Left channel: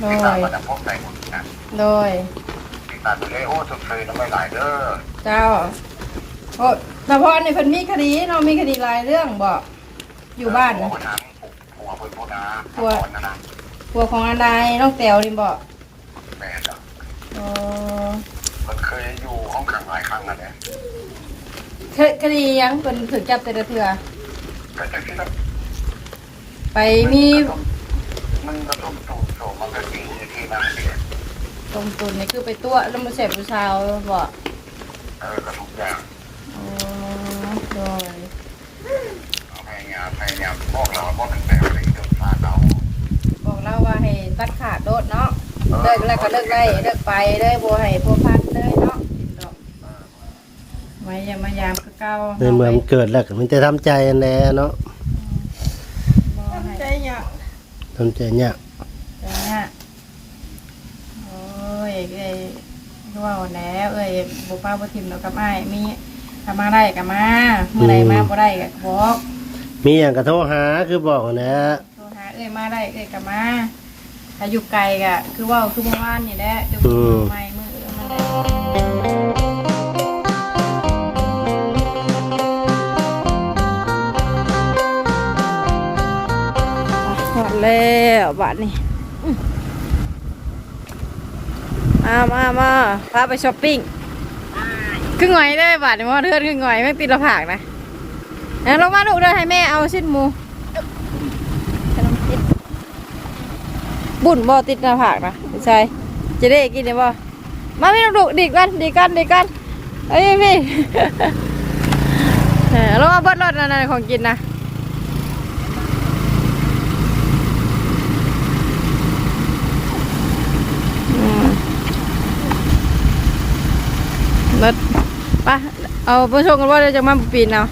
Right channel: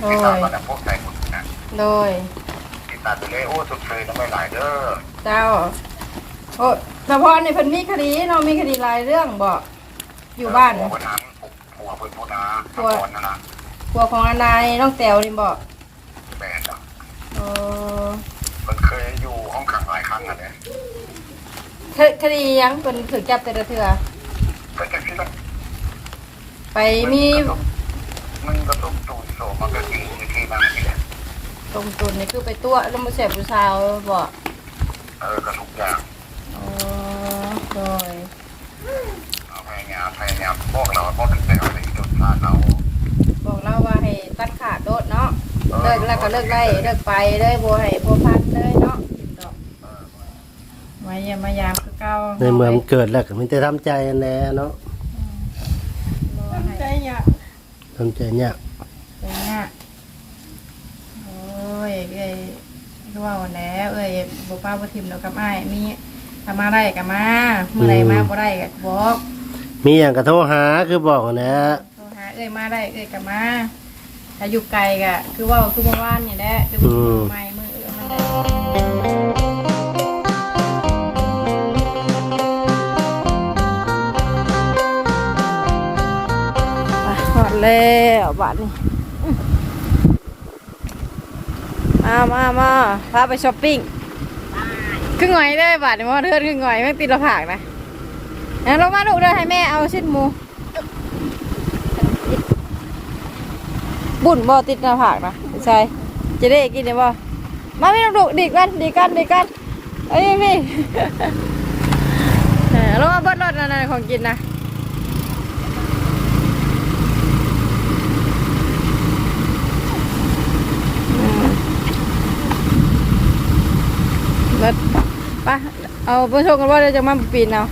โดติดตามยมาแต่พวกไหนหมดนะโดยติดตามไปเลยโอ้สุดเคยต้องไม่หลายเด้อเจ้าโอ้แต่พอในเพิ่นมีคดีเนาะมีคดีหลายเรื่องบ่อยู่บ้านหัวคนนั้นหัวเพิ่นพวกนาหัวก่อนนะนะตัวของอนายน้องแต้วนี่บ่แม่จ้ะเออมันเคยอยู่ห้องขังหลายครั้งอะเนี่ยเคยคดีหยังเพิ่นถูกจับแต่ละเทื่อก็จะคิดว่าไปมี มันกระทบตูดโสมันก็กินในที่นั้นนี่แหละตรงตุนนี่คือไปตัวแล้วมาเสพผู้ชายบ่เออกระทุกอย่างเออโดยเอาพยายามพยายามบอกเราบอกตั้งแต่เราเด็กจนพลาดเราบอกเราว่าให้ตัดขาดโดดเนาะเลิกแล้วก็เลิกไล่เลิกไปเลยบ่ให้พัวพันเลยเนาะดอกเออไว้อย่ามายามคือเก่าในเมืองเกิดแล้วก็มันจะทำใจแน่เนาะ บ่ให้ใจยาก ทำใจเนี่ยากใจยากโอ้ยเอ้ยคือว่าแล้วเอ้ยบ่ป้าบ่ทิมแล้วกับอ้ายมีถ้ามาได้ก็มาเมื่อใดมาบ่ได้ก็บอกมีอย่างกระโทรหาคือบอกนะโทรหาเอ้ยมาได้เอ้ยก็มาถ้าอยู่ไกลก็คือเว่าคือเมื่อวานนี่แหละจะบ่ไม่มื้อ แล้วบ้าทนี่มามามาพาไปช้อปปิ้งครึ่งหน่อยได้บาทนี่มอเทือนครึ่งหน่อยไม่ติดละผากนะงั้นลงมาดูเด้อให้แม่เอาสิ้นมูบุ่นบ่ติดหน้าผากนะผู้ชายจะได้กินได้บ่มาไม่ต้องดุดีกันดีกันดีกันเอ้ยพี่เออลงมาเบิดรถนั่นๆของกินนะอืม เบิดไปเอาไปชมกันว่าเดี๋ยวจะมาปีนเอา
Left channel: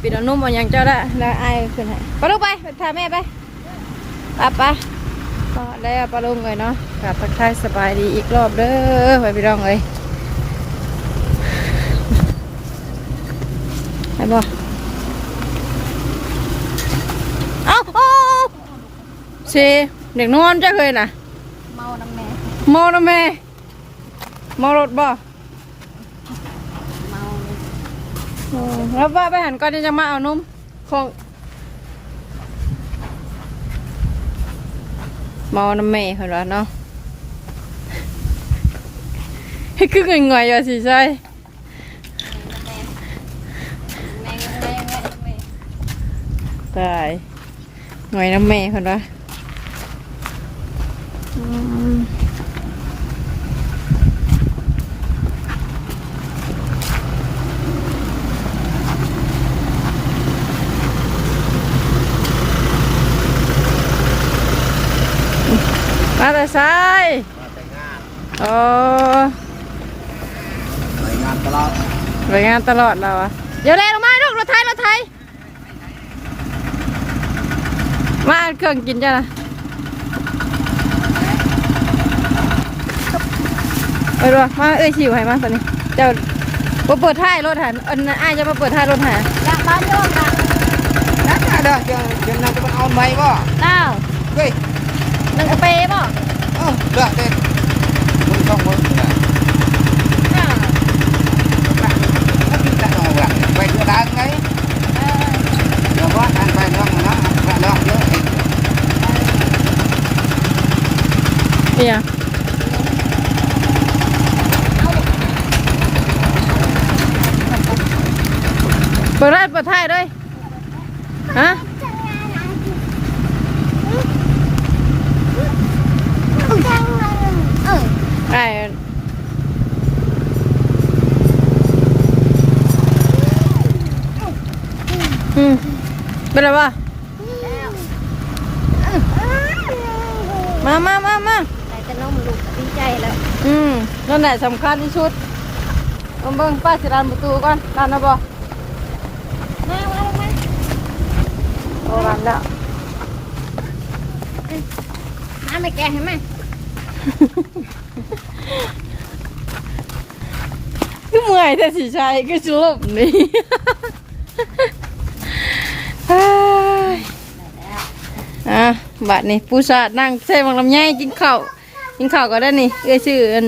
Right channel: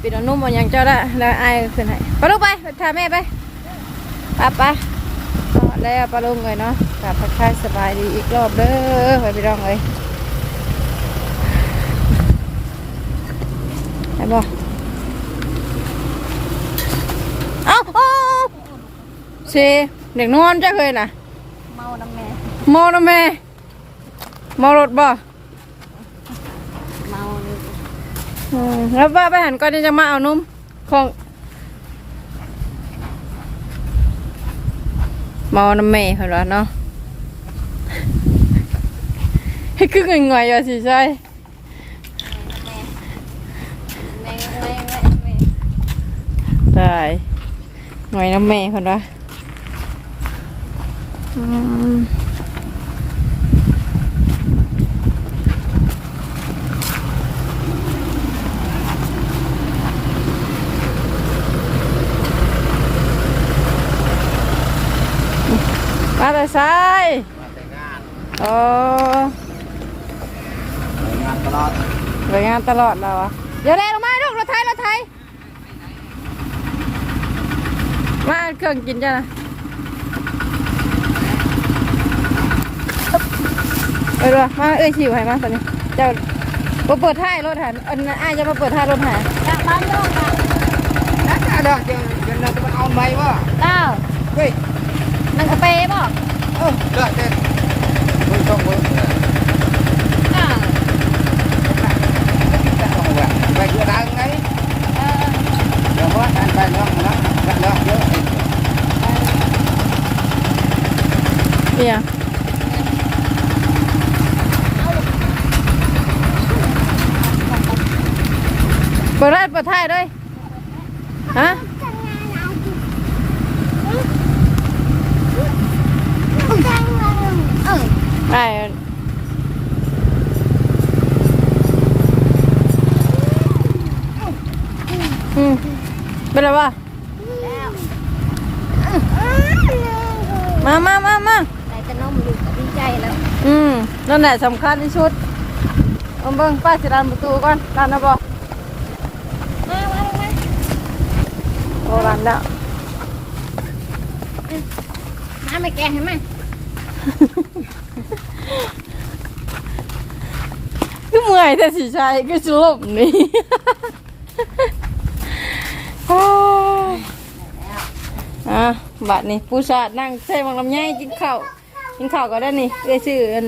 ปีนเอานุ่มเอาหยังเจ้าได้แล้วไอ้ายขึ้นให้ไปลูกไปไปพาแม่ไปไปไปก็แล้วปลาลุงเลยเนาะกลับพักทายสบายดีอีกรอบเด้อไปพี่น้องเลยไปบ่เอ้าเอ้าเชเด็กนอนจ้าเคยน่ะเมาน้ำแม่เมานะแม่เมารถบ่ เมา อืมแล้วว่าไปหันก่อนจะมาเอานุ่มของมาน้ำแม่เขาแล้วเนาะให้คือเงยงยๆอยู่สิใช่แม่แม่แม่แม่ตายหน่อยน้ำแม่คนวะอืม มาแต่ซ้ายมาแต่งงานโอ้ไปงานตลาดไปงานตลอดแล้วอะเดี๋ยวเร็วมาลูกรถไทยรถไทยมาเอาเครื่องกินจ้ะนะไปดูมาเอ้ยชิวให้มาตอนนี้เจ้าบ่เปิดท้ายรถหันอันอ้ายจะมาเปิดท้ายรถหันอยากบ้านลูกอะแล้วจะดอกยังยังเราจะมาเอาไม้ก็เต้าเฮ้ย มันกระเป๋บ่เออเลือกแต่มึงต้องเบิกอ่าไปเยอะได้ไงเออเดี๋ยวก็การไปแล้วนะแล้วเยอะเนี่ยเปิดท้ายเปิดท้ายด้วยฮะเออ ไอ้อืม เป็นไรวะแล้วมามามามาแต่จะนมลูกก็ดีใจแล้ว อืมนั่นแหละสำคัญที่สุดผมเบิ่งป้าสิรันประตูก่อนรันนะบอกมามามารันแล้วมาไม่แกให้มาคือเมื่อยแต่สิใช่ก็สลบนี่เฮ้ย อะบาดนี่ปูสาดนั่งใส่บังลำไยกินข้าวกินข้าวก็ได้นี่เอ้ยชื่ออัน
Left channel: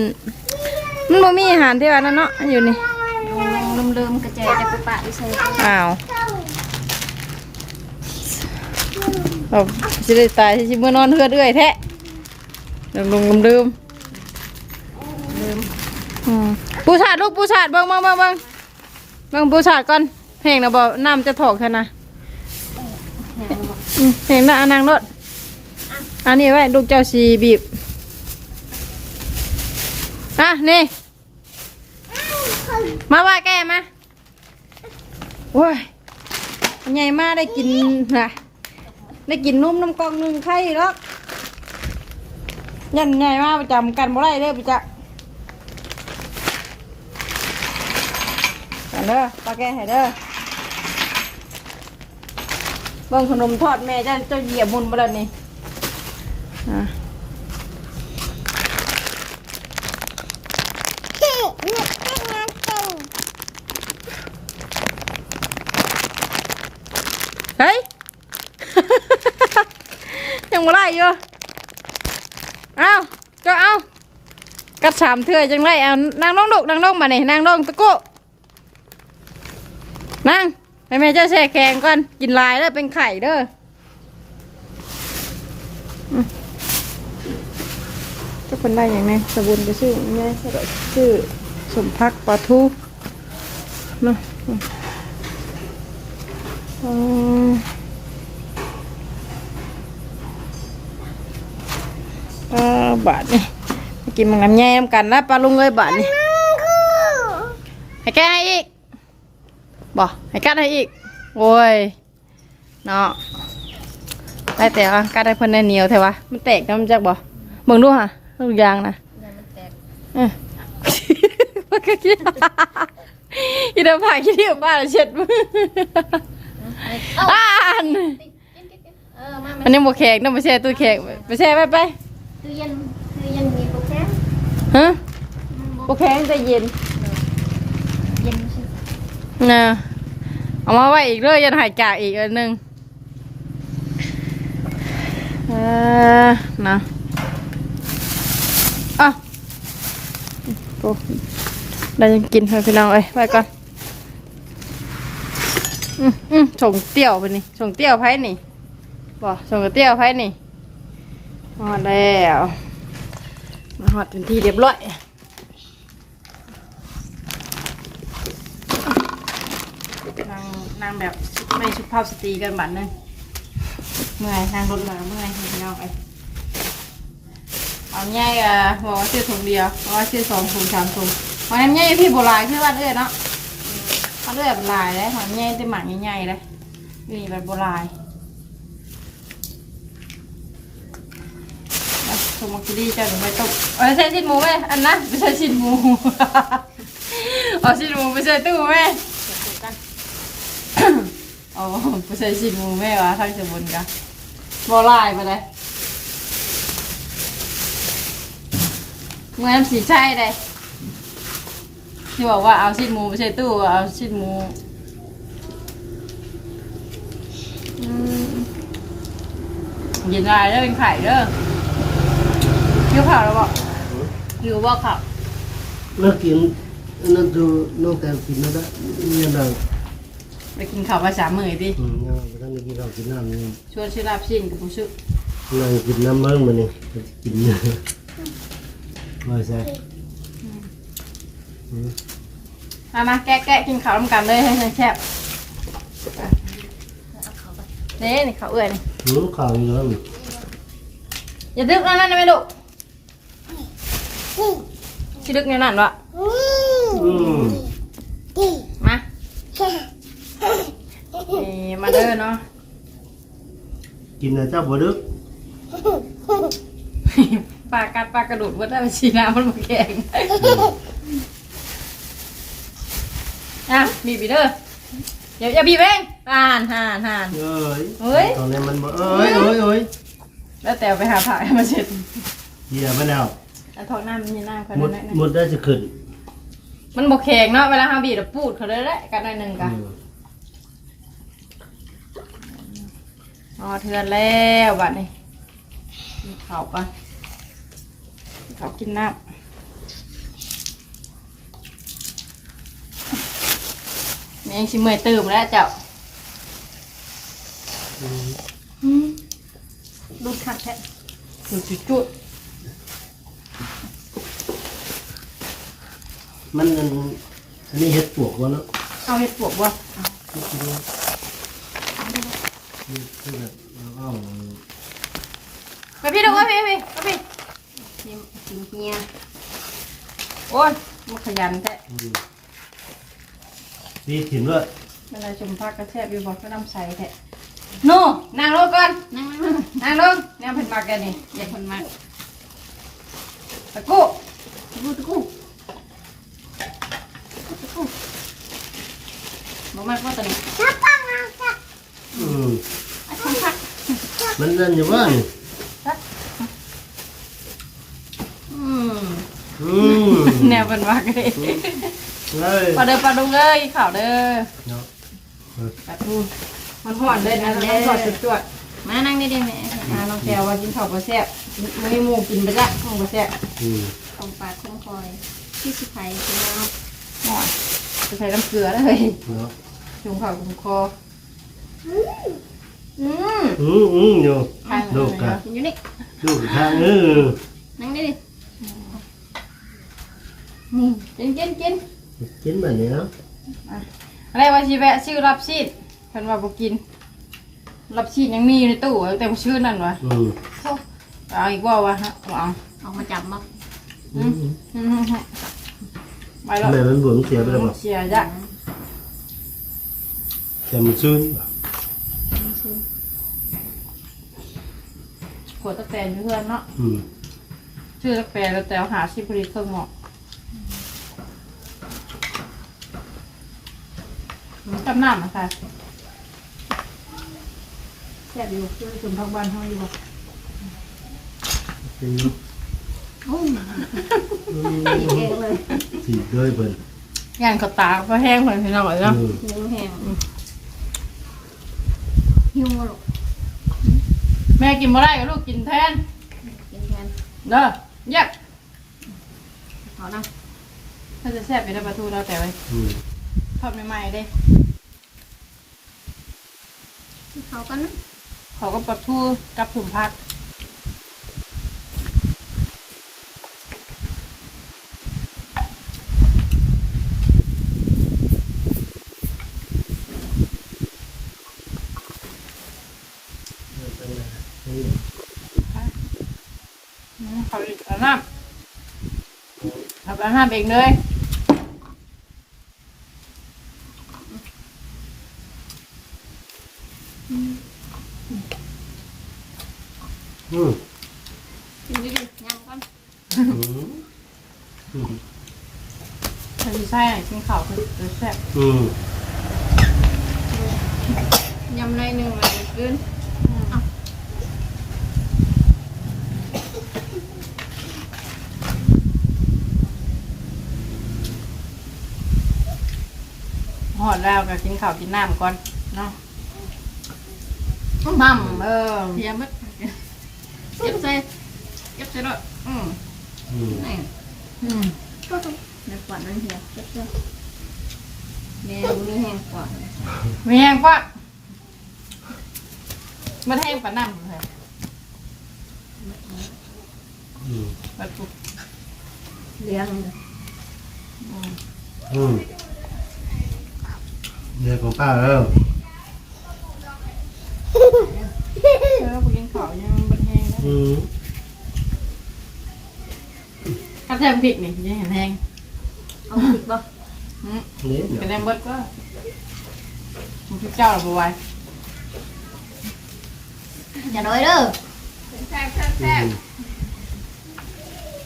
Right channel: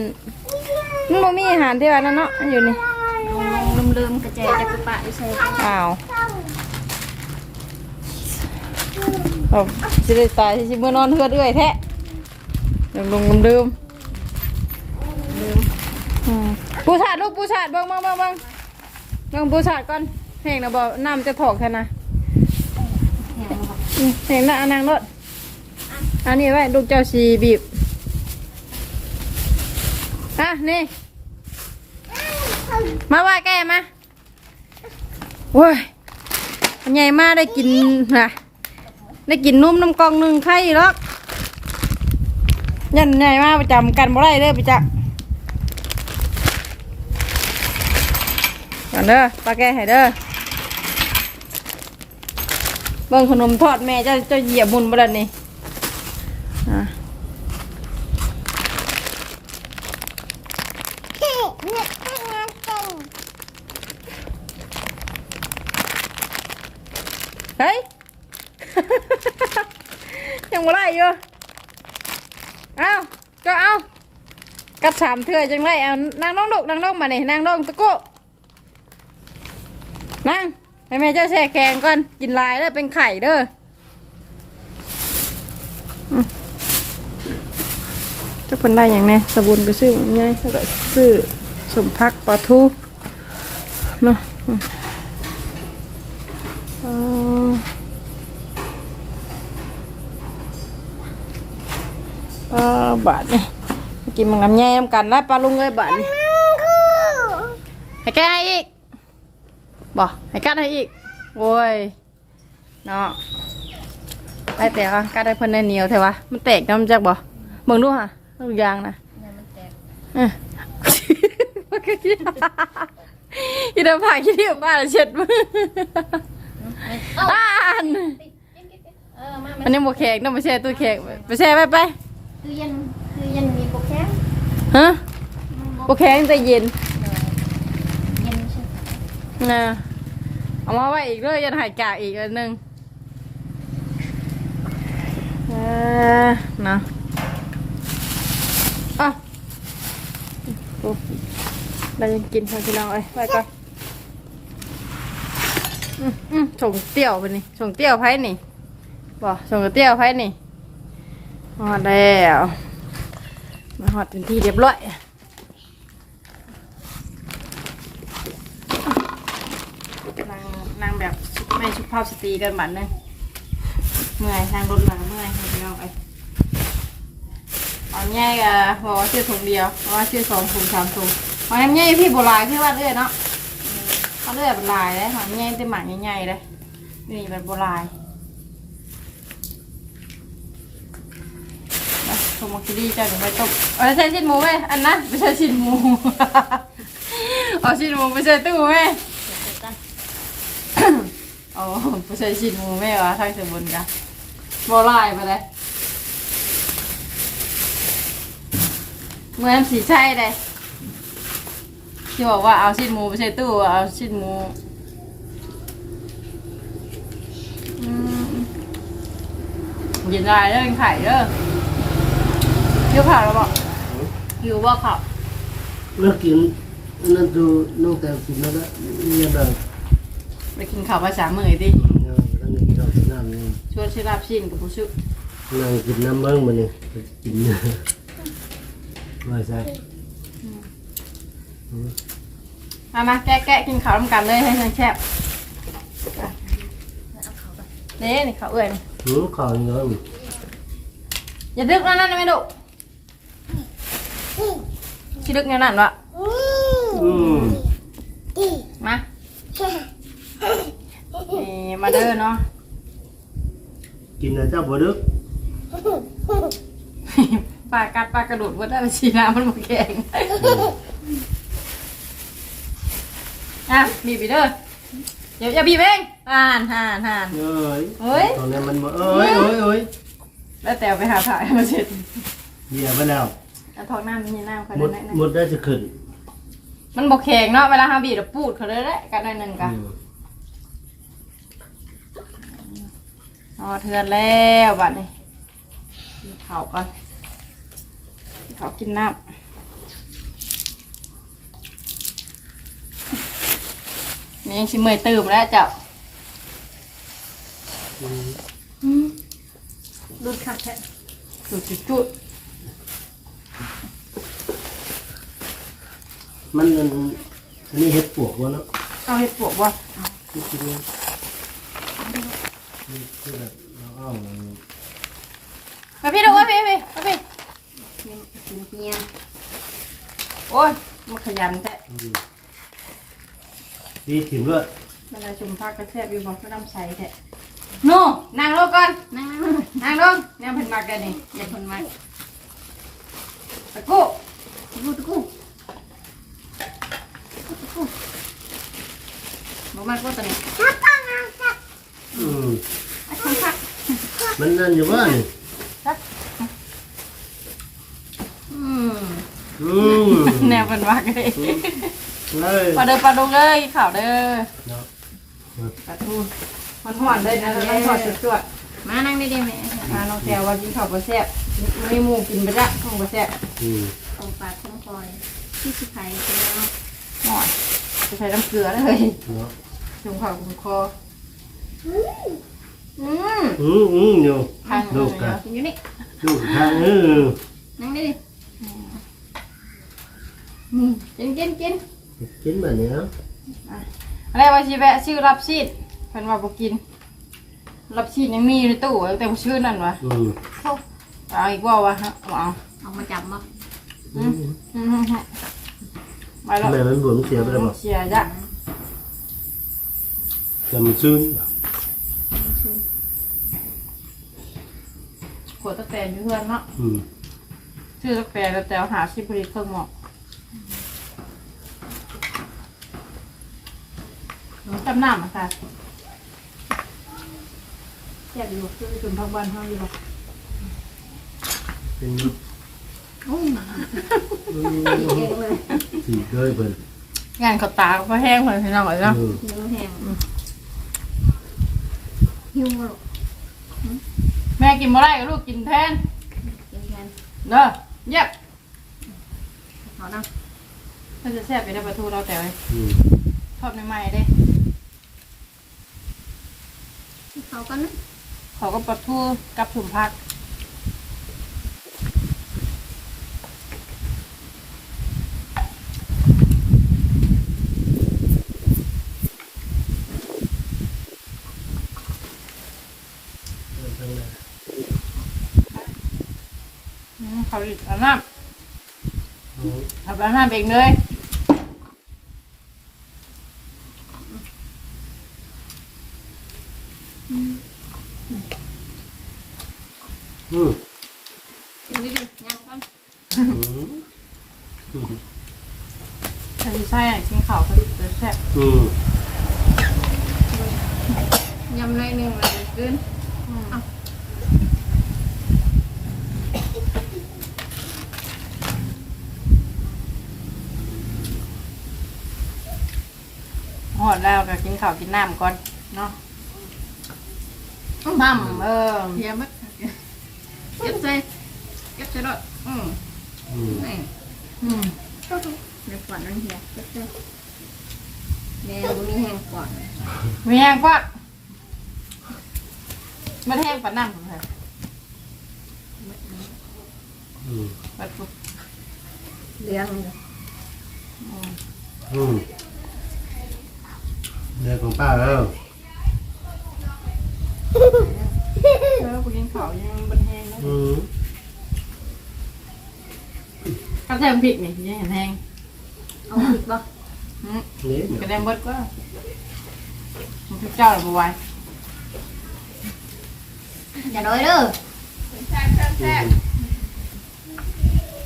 มันบ่มีอาหารที่ว่านั่นเนาะอยู่นี่ลงลงลืมๆกระเจจะกระปะอยู่ใส่อ้าวเอาสิได้ตายสิเมื่อนอนเฮือดเอื้อยแท้ลงลงลืมลืมอืมปูสาดลูกปูสาดเบิ่งเบิ่งเบิ่งเบิ่งเบิ่งปูสาดก่อนแห้งนะบ่น้ำจะถอกเท่านะแหงบอกอืมแห้งนะอันนางรถอันนี้ไว้ลูกเจ้าสีบีบ อะ นี่ มาว่าแกมาโว้ยใหญ่มากได้กินนะได้กินนุ่มน้ำกองหนึ่งไข่หรอกยันใหญ่มากประจำกันบ่ได้เด้อประจำก่อนเด้อปลาแกให้เด้อ เบิ่งขนมทอดแม่จะจะเหยียบบุญบ่ล่ะนี่อะเฮ้ย ยังบ่ได้อยู่เอาก็เอากัดสามเทื่อจังไรเอานางน้องลูกนางน้องมานี่นางน้องตะโกนั่ง ให้แม่เจ้าแช่แข็งก่อน กินลายเด้อเป็นไข่เด้ออืมเจ้าคนได้อย่างนี้สบุนไปซื้อยังไงก็ซื้อสมพักปลาทูเนาะอืมอ๋อปลาบาทนี่มากินมังงำแย่มกันแล้วปลาลุงเลยบาทนี่ให้แกให้อีก บ่ให้กัดให้อีกโอ้ยเนาะได้แต่ว่ากัดได้เพิ่นได้เหนียวแท้วะมันแตกน้ำจักบ่เบิ่งดูค่ะลูกยางนะเดี๋ยวมันแตกเออมันก็คิดอีเดิมผ่านคิดที่บ้านเช็ดมืออ่านเออมาอันนี้บ่แขกน้ำไปแช่ตู้แขกไปแช่ไปไปตู้เย็นตู้เย็นมีโปรแกรมฮะบ่แข็งแต่เย็นเย็นไม่ใช่ นะเอามาไว้อีกเลยยันหายจากอีกอันหนึ่งเออนะอะโอ้ได้ยังกินให้พี่น้องเอ้ยไว้ก่อนอืมอืมส่งเตี้ยวไปนี่ส่งเตี้ยวไพ่นี่บอกส่งเตี้ยวไพ่นี่ฮอดแล้วมาฮอดเป็นที่เรียบร้อย นางนาง แบบไม่สุภาพสตรีกันบัดนึงเมื่อยนางรถมาเมื่อยพี่น้องไอ้เอาง่ายอะบอกว่าชื่อถุงเดียวเพราะว่าชื่อสองถุงสามถุงเอาง่ายพี่โบราณคือว่าเอื้อเนาะเขาเอื้อยโบราณเลยเอาง่ายจะหมักง่ายๆเลยนี่แบบโบราณไปถุงมักกิลี่เจ้าหนูไปต้มเอาใช่ชิ้นหมูไหมอันนะไม่ใช่ชิ้นหมูเอาชิ้นหมูไปใส่ตู้ไหม โอ้ไม่ใช่ชินหมูแม่วะทางสมุนกะบอลายมาเลยเมื่อสีใช่เลยที่บอกว่าเอาชิ้นหมูไปใส่ตู้เอาชิ้นหมูอืมเย็นลายแล้วเป็นไข่เด้อหิวข่าวแล้วบอกหิวบอกข่าวเลิกกินนั่นดูน้องแต่กินแล้วนะยังได้ ไปกินข้าวภาษาเมยดิอืมยังไม่ได้กินข้าวกินน้ำนี่ชวนชิลาบชินกับผู้ชื่อนั่งกินน้ำมันมานี่กินเนี่ยว่าซะอืมมามาแกะแกะกินข้าวร่วมกันเลยให้ฉันแคบเด้นี่ข้าวเอื่อยนี่หืมข้าวอีกแล้วนี่อย่าดึกนั่นนั่นไม่ดุชิดึกเนี่ยนั่นวะอืมมา นี่มาเด้อเนาะ กินแล้วเจ้าบ่ดึกปลากัดปลากระโดดว่าได้ไปชีน้ำมันหมดแข็งอะบีบไปเด้ออย่าอย่าบีบเองห่านห่านห่าน เอ้ยเฮ้ย ตอนนี้มันบ่เอ้ยเอ้ยเอ้ยแล้วแต่เอาไปหาถ่ายมาเช็ดเหี้ยไปแล้วแล้วท้องน้ำมันมีน้ำคนหมดนั้นนะหมดได้จะขึ้นมันบกแข็งเนาะเวลาเขาบีบแล้วปูดเขาเลยแหละกันหน่อยหนึ่งกันอืม อ๋อเทือนแล้วบัดนี้กินข้าวกันกินข้าวกินน้ำแม่งชิมเมอยตื่มแล้วเจ้าดูดขัดแท้จุดจุดจุดมันอันอันนี้เห็ดปวกวะเนาะเอาเห็ดปวกวะนี่ คือนี่คือแบบเราเอาไปพี่ดูวะพี่พี่ไปพี่เฮียกินเฮียโอ้ยมันขยันแท้อืมพี่ถิ่มด้วยมันจะชมพักกระแทบอยู่บอกก็น้ำใสแท้โน่นั่งลงก่อนนั่งนั่งลงแนวเพิ่นมากกันนี่อย่าคนมาตะกู้ตะกูตะกูตะกูบอกมากว่าตัวนี้ อืมมันนั่นอยู่ว่านี่อืมอืมแนวเพิ่นมากเลยเลยปลาเด้อปลาดุงเอ้ยข่าวเด้อเนาะปลาทูมันห่อนเลยนะมันห่อนจุดจวดมานั่งได้ๆแม่ๆอ่าน้องแก้วว่ากินข้าวบ่แซ่บไม่หมูกินไปจ้ะห้องบ่แซ่บอืมของปากของคอยที่สิไทยใช่ไหมห่อนจะใส่น้ำเกลือเลยเนาะจุ่มข้าวกุมคอ อืมอืมอืมอยู่ทางลูกอะกินอยู่นี่ลูกข้างเออนั่งได้ดินี่กินกินกินกินแบบนี้เนาะอะไรว่าสิแวะซื้อรับซีดเพิ่นว่าบ่กิน รับซีดยังมีอยู่ในตู้แต่บ่ชื่อนั่นวะอืมเข้าเอาอีกบ่วะฮะเอาออกมาจับมาอืมอืมไปแล้วทำไมมันบวมเสียไปแล้วบอกเสียจ้ะแต่มันชื้น ขวดตะแตนอยู่เพื่อนเนาะอืมชื่อตะแตนแล้วแต่หาสิผลิตเครื่องหมอกจำน้ำอะค่ะแซ่บอยู่คือจุ่มพักบ้านเฮาอยู่บ่เป็นโอ้ยอืกินเองเลยสีเลยเพิ่นงานเขาตาเพราะแห้งไปพี่น้องเลยเนาะอืมหิวแห้งหิวมาลูก แม่กินบ่ได้ลูกกินแทนกินแทนเด้อเย็บขอนะถ้าจะแซ่บไปได้ประตูเราแต่อืมทอดใหม่ๆเด้เขากันนะเขาก็ปลาทูกับผุ่มพักาอีกอาน้ำอาอาหารเองเลย อืม กินดิดิงานกัน อืมอืม ถ้าจะใช่กินข้าวเขาจะแซ่บ อืม ยำในหนึ่งอะไรขึ้น หอดแล้วก็กินข้าวกินน้ำก่อนเนาะมั่มเออเพียมัดเจ็บใจเจ็บใจรถอืมอืมนี่อืมก็ต้องในฝันนั่นเฮียเจ็บใจแม่บุ้งแห้งกว่ามีแห้งกว่ามันแห้งปานน้ำเลยอืมปลาทูเลี้ยงเลยอืมอืม เรื่องของป้าแล้วแล้วไปกินข้าวยังมันแห้งนะอืมถ้าแทมผิดนี่ยังเห็นแห้งเอาผิดป่ะอืมนี่เนาะเป็นแรงบดก็มันพี่เจ้าหรือเปล่าไว้อย่าโดยเด้ออืม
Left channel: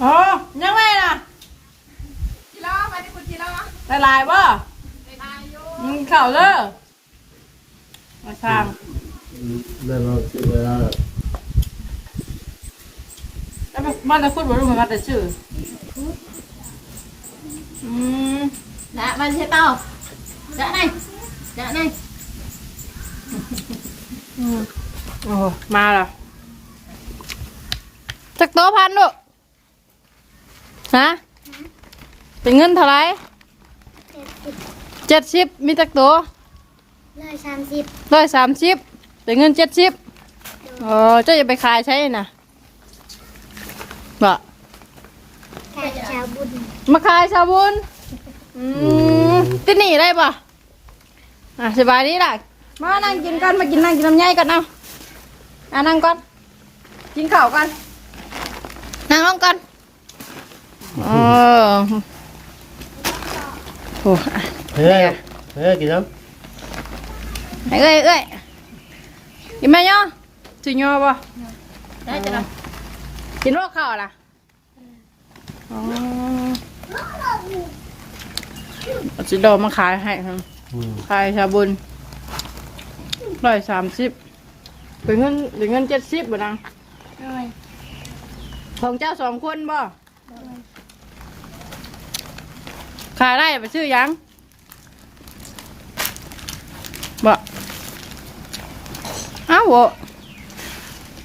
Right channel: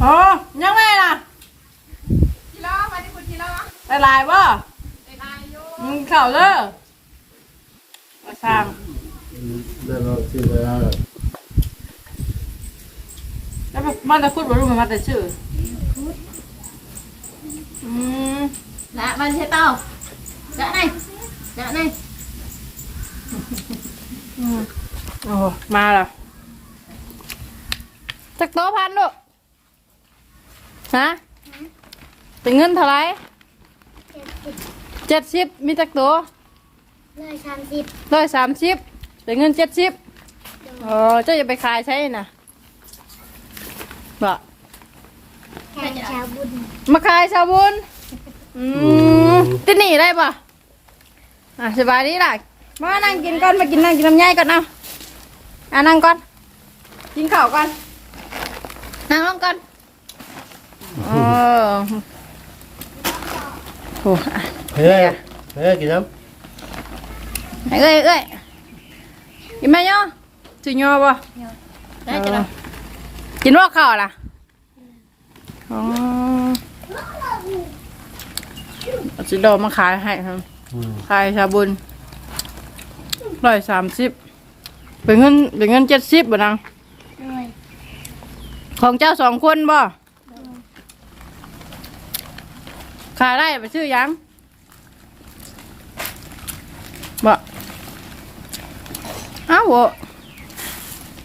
โอ้ยังไงล่ะได้ลายบ่ มึงเข่าเลยมาสร้างแล้วเราชื่อเวลาแล้วบ้านจะพูดบ่รู้มันแต่ชื่ออืม đã bên xe tao đã này đã này อืมโอ้มาแล้วจักโตพันลูกฮะ เป็นเงินเท่าไหรเจ็ดสิบมีจักโตเลยสามสิบร้อยสามสิบเป็นเงินเจ็ดสิบเออเจ้าอย่าไปขายใช่นะบ่แทนชาวบุญมาขายชาบุญอืมติหนีได้ป่ะอะสบายดีล่ะมานั่งกินก่อนมากินนั่งกินน้ำใหญ่ก่อนเอาอะนั่งก่อนกินข้าวก่อนนั่งลงก่อนโอ้ โหอะเฮ้ยเฮ้ยกินน้เอ้ยเอ้ยกินไหมย่อจุย่อป่ะได้จะนกินว่าข้าวล่ะอ๋อเอาจิโดมาขายให้ครับำอืมขายชาบุญร้อยสามสิบเป็นเงินเป็นเงินเจ็ดสิบบ่นังเลยของเจ้าสองคนบ่ ขายได้ไปซื้อหยังบ่อ้าวบ่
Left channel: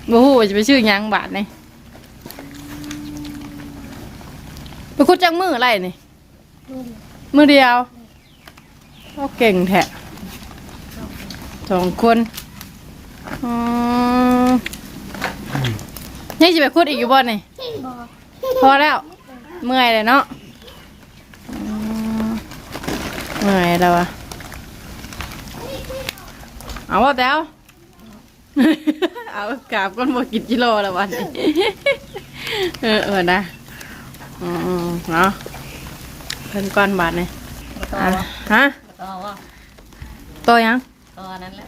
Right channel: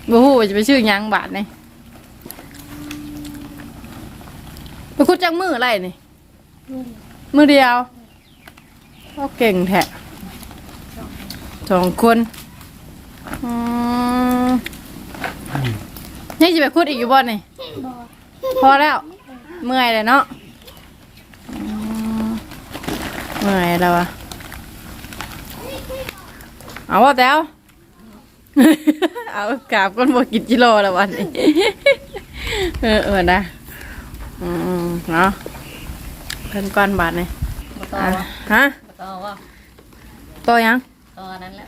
บ่ฮู้ว่าจะไปซื้อหยังบาทนี่ไปคุดจังมืออะไรนี่มือเดียวก็เก่งแท้สองคนอืมยังจะไปคุดอีกอยู่บ่นี่บอกพอแล้วเมื่อยเลยเนาะอืม เมื่อยแล้ววะเอาว่าแต้วเอากราบก้นบกินกิโลแล้ววันนี้เออเออนะอืมๆเนาะเพิ่นก้อนบาทนี่ำต่ออะฮะต่อว่าตัวยังต่อนั้นแหละ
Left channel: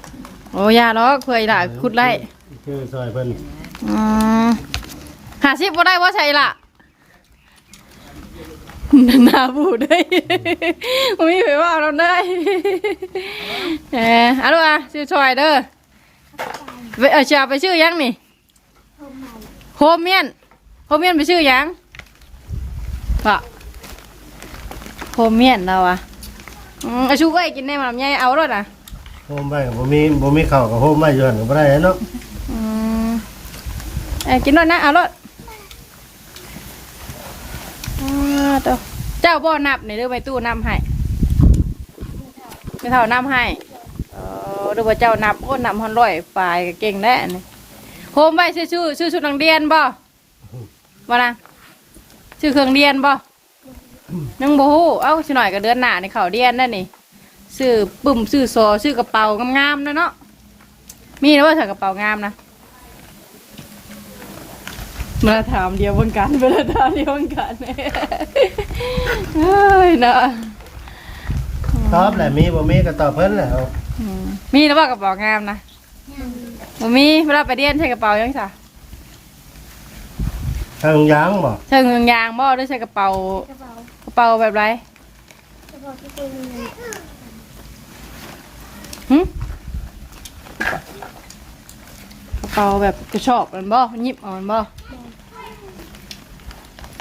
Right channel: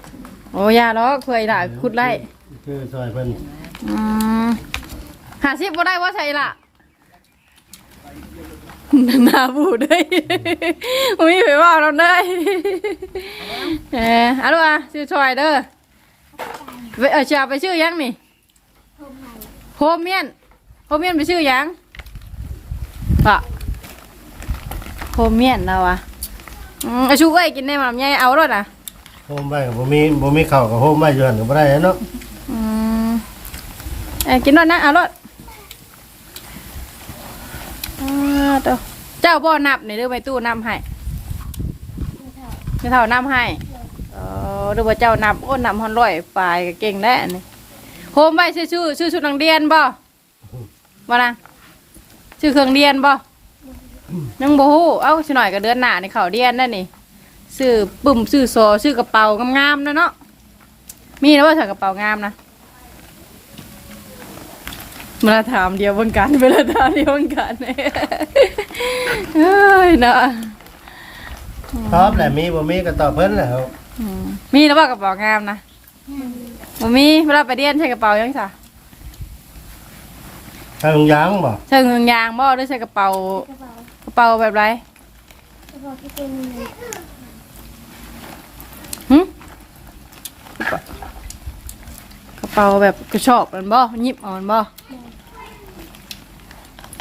โอ้ยาล้อเคยละคุดไล่คือซอยเพิ่นอืมหาสิบบ่ได้ว่าใช่ละ หนาบูดได้บ่มีไผว่าเราได้เออเอาลูกอะชื่อชอยเด้อไปเออชื่อไปชื่อยังนี่โฮมใหม่โฮมเมียนโฮมเมียนไปชื่อยังปะโฮมเมียนเราอะอืมเอาชูไว้กินได้มาลำไยเอารถอะโฮมไปกับบ่มีบ่มีข้าวกับโฮมไปย้อนก็บ่ได้เนาะอืมเอ้ยกินรถนะเอารถอ่าตัว เจ้าบ่อนับนี่เด้อไปตู้นับให้เจ้าเท่านับให้เออดูว่าเจ้านับโอ้นับฮอนร้อยปลายก็เก่งได้อันนี่โฮมไว้ชื่อชื่อชื่อชุดนังเรียนบ่บ่นะชื่อเครื่องเรียนบ่นังบ่ฮู้เอ้าสิหน่อยก็เดือนหน้านี่เขาเรียนนั่นนี่ซื้อปุ่มซื้อโซซื้อกระเป๋างามๆนะเนาะมีนะว่าใส่กระเป๋างามนะ มาถามเดียวบนกันเวลาถามเดียวบนกันเนี่ยเฮ้ยเนาะตอบแหละมีบ่มีก็ตอบเพิ่นแหละอืมมีแล้วว่ากระเป๋างามนะบ่มีเวลาไปเรียนใช้กระเป๋ายังไงทางยางบ่ใช้เงินยางบ่หรือใช้กระเป๋ากระเป๋ากระเป๋าแบบไรกระเป๋าที่เป็นเงินหึกระเป๋าแบบกระชอบมันบ่หยิบเอามันบ่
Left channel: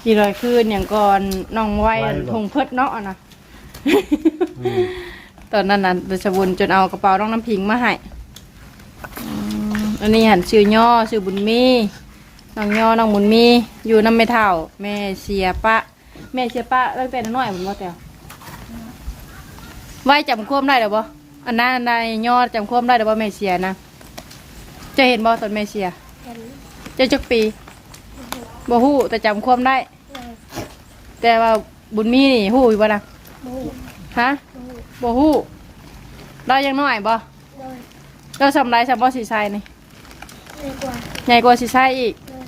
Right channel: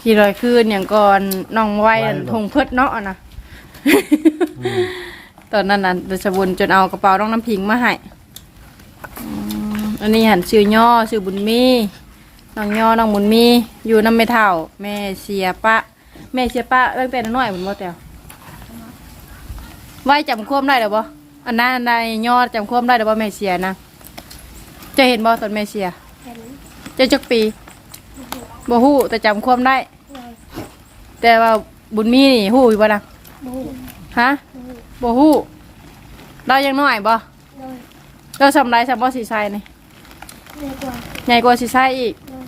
กี่ร้อยคืนอย่างก่อนน้องไว้ทงเพิดเนาะนะ ตอนนั้นน่ะเดชบุญจนเอากระเป๋าน้องน้ำพิงมาให้อืมอันนี้หันซื้อย่อซื้อบุญมีน้องย่อน้องบุญมี อยู่น้ำไม่เท่า แม่เสียปะ แม่เสียปะตั้งแต่น้อยผมว่าแต่ไว้จำความได้หรือบ่อันนั้นอันใดย่อจำความได้หรือบ่แม่เสียนะ จะเห็นบ่ตอนแม่เสีย เห็นจะจักปี บ่ฮู้แต่จำความได้ เลยแต่ว่าบุญมีนี่ฮู้อยู่บ่นะบูฮะบูบ่ฮู้เรายังน้อยบ่เลยเราทำไรสำบ่สีไซนี่เลยกว่าใหญ่กว่าสีไซอีกเลย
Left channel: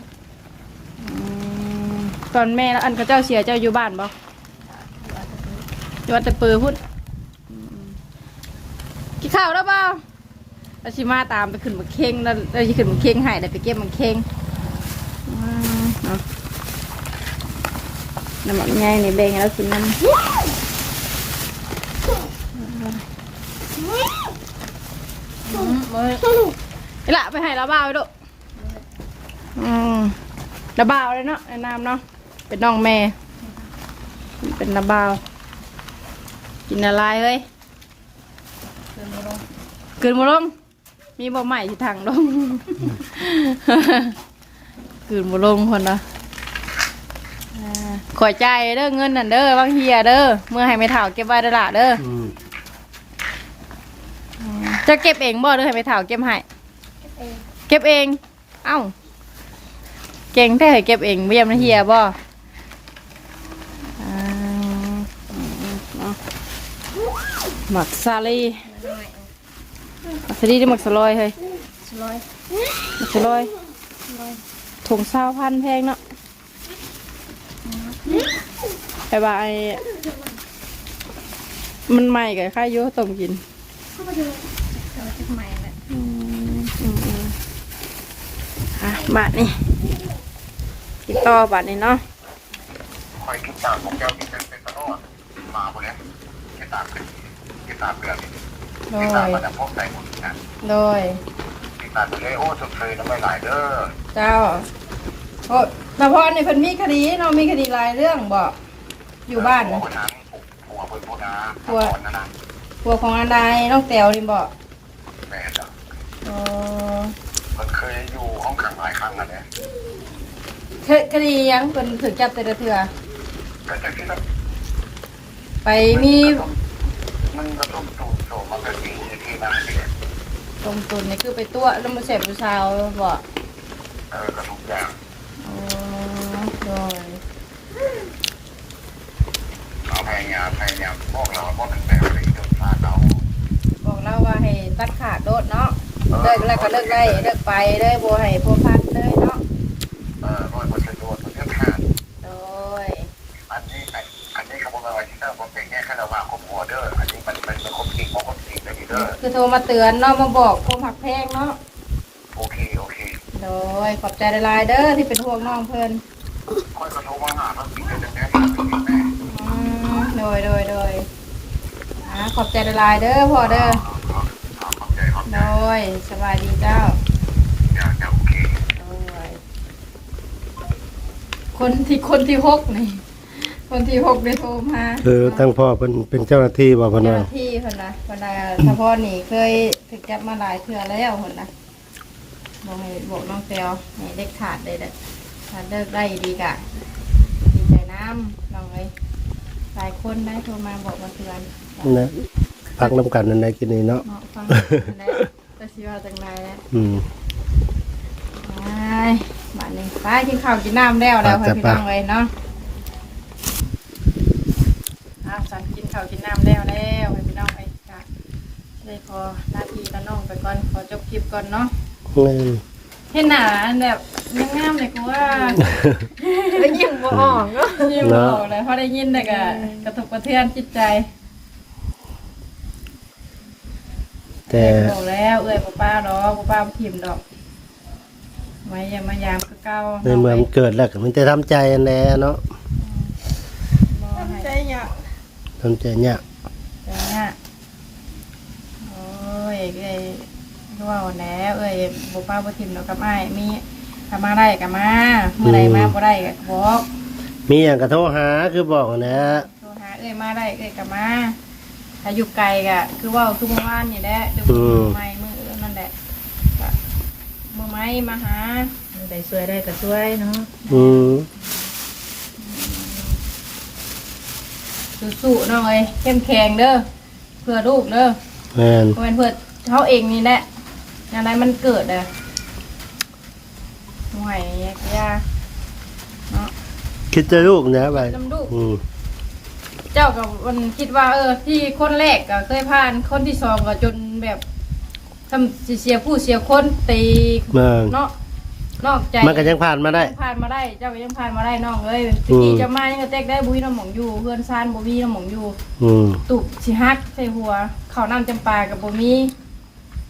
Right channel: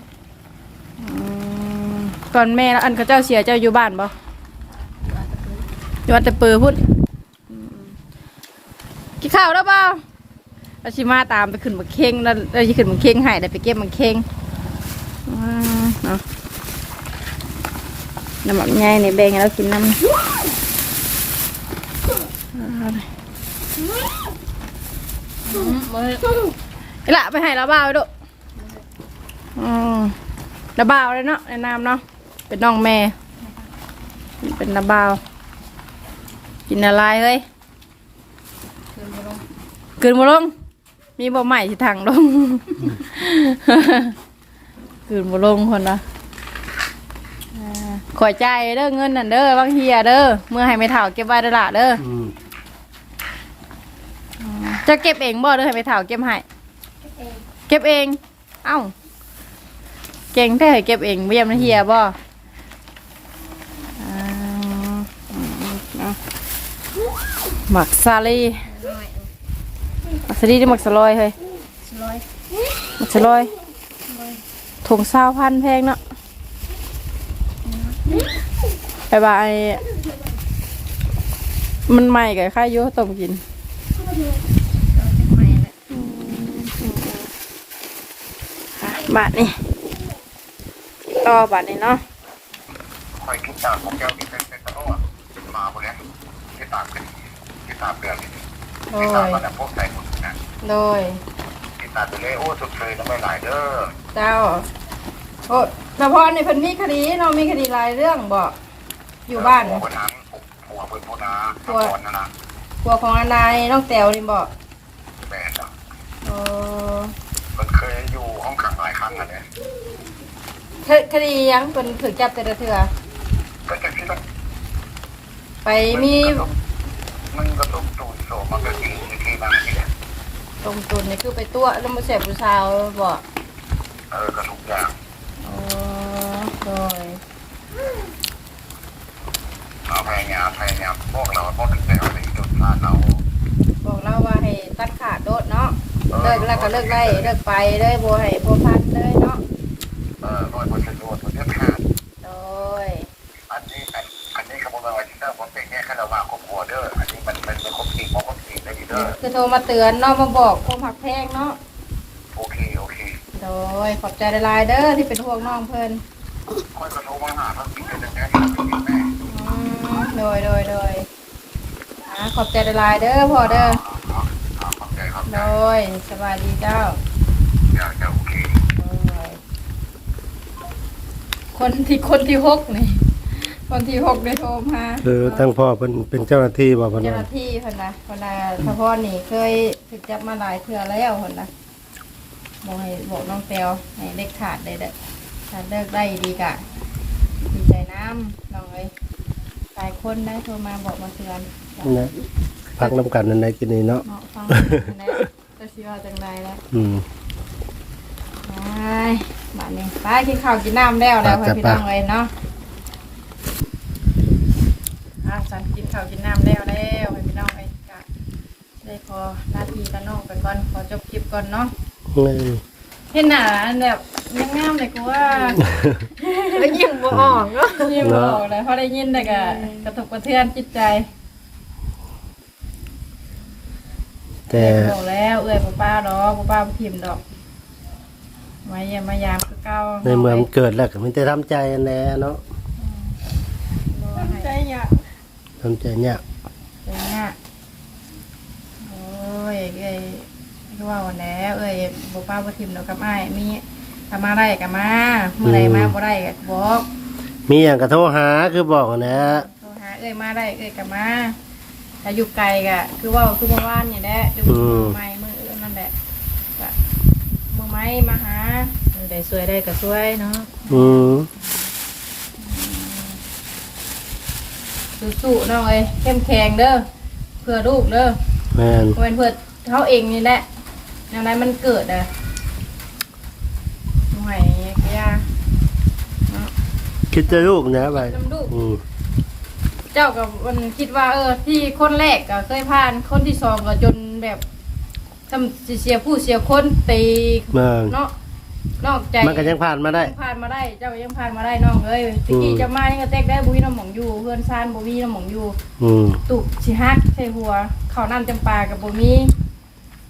ก่อนแม่แล้วอันเขาเจ้าเสียเจ้าอยู่บ้านบ่อยู่วัดแต่เปือพุ่นอืมกินข้าวแล้วเปล่าเราชิมาตามไปขึ้นมาเค้งแล้วเราจะขึ้นมาเค้งให้ได้ไปเก็บมันเค้งอืมเอา น้ำมันง่ายในแบ่งให้เรากินน้ำอืมเอาเลยไอ้ละไปให้เราบ้าไปดูอืมระบาวเลยเนาะในน้ำเนาะ เป็นน้องแม่ เป็นระบาว กินอะไรเฮ้ยคือมาลงเกินมาลงมีบ่ใหม่ที่ทางลง คืนบ่ลงคนละอ่าขอยใจายเด้อเงินนั่นเด้อบางเฮียเด้อเมื่อให้ไม่เท่าเก็บไว้เด้อล่ะเด้ออืมจะเก็บเองบ่เด้อให้ไม่เท่าเก็บให้เก็บเอง เอ้า เก่งแท้ให้เก็บเองเยี่ยมนะเฮียบ่อ่าเอาหมักซาลีน้อยหมักซาลีหรือหมักสลอยเฮ้ยสลอยหมักสลอย ถุงซาวพันแพงเนาะไปบายมันใหม่กับข้าวโยต้มกินก็จะใหม่ละอะบาทนี่ติดต่อบาทนี่เนาะคอยคิดจากของแก้วที่เป็นเป็นตะโน่ติดมาพวกเนี้ยที่ตามเป็นที่ตามเรื่องโดที่ตามยมาจากพวกใส่หมดนะโดยที่ตามไปเลยโอ้สุดเลยทำไมหลายเด้อเจ้าโอ้แต่พอนี่เพิ่นมีคดีเนาะมีคดีหลายเรื่องบอกอยู่บ้านหัวคนนั้นหัวคนพวกนั้นหัวนั้นนะตัวของอันใดน้องแต๋วนี่บอกแม่จ้ะเออมันเคยอยู่ห้องขังหลายครั้งแล้วเนี่ยคคดียังเพิ่นถึงจับแต่ละเทื่อก็จะคิดว่าไปมีมันกระทบตูนโสมันก็ทีทีบางทีเนี่ยตรงตุนนี่คือไปตัวแล้วมาเสพผู้ชาวบอกเออกระทุกอย่าง เออโดย เอา พยายามพยายามพวกเราพวกเป็นแต่อะไรที่โดนพลาดเราบอกเราว่าให้ตัดขาดโดดเนาะเลิกแล้วก็เลิกไล่เลิกไปเด้อบ่ให้พวกพัดเลยเนาะเออเพราะว่าฉันโดนมันเยอะขาดโดยอันนี้อันนี้ขบวนการที่เตอร์ผมเป็นแค่คาราวาครอบครัวเด้ออันนี้มันมันเป็นครบจริงของครบจริงเด้อดีเด้อคือโทรมาเตือนเนาะมาบอกความหักแพงเนาะโอเคโอเคโดยขอบใจหลายๆเด้อที่เป็นห่วงน้องเพิ่นคน ยโดยโดยอ่าขอบใจหลายๆเด้อพ่อเด้อขอบใจขอบใจโดยสบายดีเจ้าอยากจะโอเคโดยคนที่คนที่หกนี่ คนที่หกได้โทรมาคือทั้งพ่อเป็นเป็นเจ้าหน้าที่บ่พะเจ้านะหน้าที่คนนะคนนะเฉพาะนี่เคยถูกจับมาหลายเทื่อแล้วคนนะบอกให้บอกน้องแตวให้เด็ดขาดได้เด้อถ้าเลิกได้ดีกะดีใจน้ำน้องเอ้ย หลายคนได้โทรมาบอกมาเตือนนะพักน้ำกันนั่นในกินนี่เนาะเนาะฟังแล้วก็สิว่าจังไรแล้วอืม ไปบ้านนี้ไปกินข้าวกินน้ำแล้วแล้วไปจ้ะพี่น้องเลยเนาะอะสันกินข้าวกินน้ำแล้วแล้วพี่น้องไปกะเลยขอหน้าที่กับน้องไปก่อนขอจบคลิปก่อนเนาะเอ้ย เห็นหน้าอันแบบยังงามเลยกูว่าแล้วยิ่งบ่ออกเนาะยิ้มบอกเลยเพราะได้ยินแต่กะกระทบกระเทือนจิตใจแต่บอกแล้วเอ้ยป้าป้าดอกป้าป้าบ่พิมพ์ดอกไว้อย่ามายามคือเก่าในเมืองเกิดแล้วก็มันจะทำใจแน่เนาะบ่ให้ใจเนี่ยทำใจยากเดี๋ยวเนี่ยโอ้ยเอ้ย ก็ว่าแล้วเอ้ยบ่ป้าบ่ทิมดอกกับอ้ายมีถ้ามาได้ก็มาเมื่อใดมาบ่ได้ก็บอกมีอย่างกระโทรหาคือบอกนะโทรหาเอ้ยมาได้เอ้ยก็มาถ้าอยู่ไกลก็คือว่าคือเมื่อวานนี่แหละคือมือไม้มือเอ้ยนั่นแหละก็มือไม้มาหาได้ช่วยได้ก็ช่วยเนาะอืมสู้ๆน้องเอ้ยเข้มแข็งเด้อเพื่อลูกเด้อแม่นบ่เป็นเพื่อเขาเองนี่แหละ อะไรมันเกิดอะหน่วยยาเนาะคิดจะลูกนะไปน้ำลูก อืมเจ้ากับมันคิดว่า เออ ที่คนแรกก็เคยผ่านคนที่สองก็จนแบบทำสิเสียผู้เสียคนตีเมืองเนาะนอกใจมันก็ยังผ่านมาได้ ผ่านมาได้ เจ้าก็ยังผ่านมาได้น้องเอ้ยตะกี้อืมจะมายังก็แตกได้บุ้ยน้ำหมองอยู่เพื่อนซานบุ้ยน้ำหมองอยู่ อืมตุกสิฮักใส่หัวข้าวน้ำจำปากับบุมี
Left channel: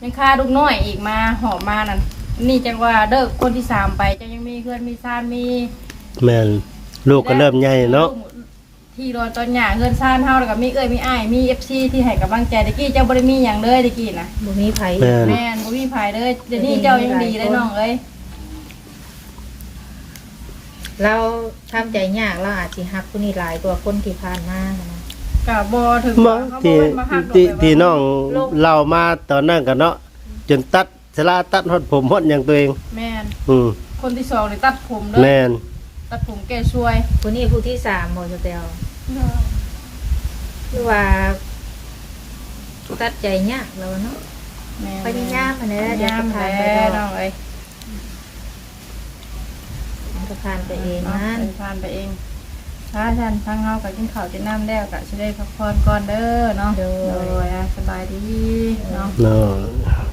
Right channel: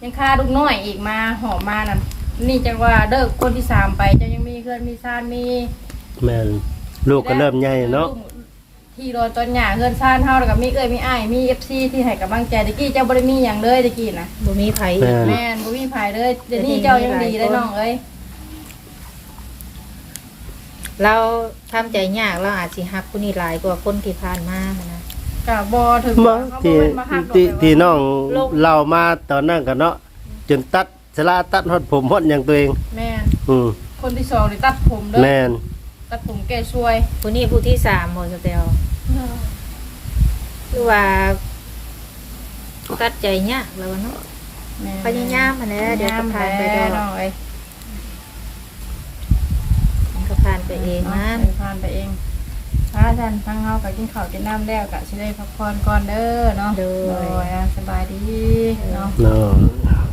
ยังค่าลูกน้อยอีกมาหอมมานั่นนี่จังว่าเด้อคนที่สามไปเจ้ายังมีเพื่อนมีซานมีแม่นลูกก็เริ่มใหญ่เนาะที่โดนต้นหญ้าเพื่อนซานเฮาแล้วก็มีเอ้ยมีอ้ายมี FC ที่ให้กำลังใจตะกี้เจ้าบ่ได้มีหยังเลยตะกี้นะบ่มีไผแม่นแม่นบ่มีไผเลยเดี๋ยวนี้เจ้ายังดีเลยน้องเอ้ยเราทำใจยากเราอาจสิฮักผู้นี้หลายกว่าคนที่ผ่านมานะ ก็บ่ถึงมาเขาบ่ที่แม่นมาฮักดอกที่แต่ว่าที่น้องเล่ามาตอนนั้นกันเนาะจนตัดสลาตัดฮอดผมฮอดอย่างตัวเอง แม่นอืมคนที่สองนี่ตัดผมเด้อแม่นตัดผมแก้ช่วยผู้นี้ผู้ที่สามบ่สเตลโดยคือว่าตัดใจยากเราเนาะพยายามอันนี้เดี๋ยวจะผ่านไปแล้เด้อวเอ้ยมันก็ผ่านไปเองนะนะผ่านไปเอง ถ้าท่านฟังเฮากับกินข้าวกินน้ำแล้วก็สิได้พักผ่อนก่อนเด้อเนาะโดย โดยอะสบายดีเนาะ เนาะ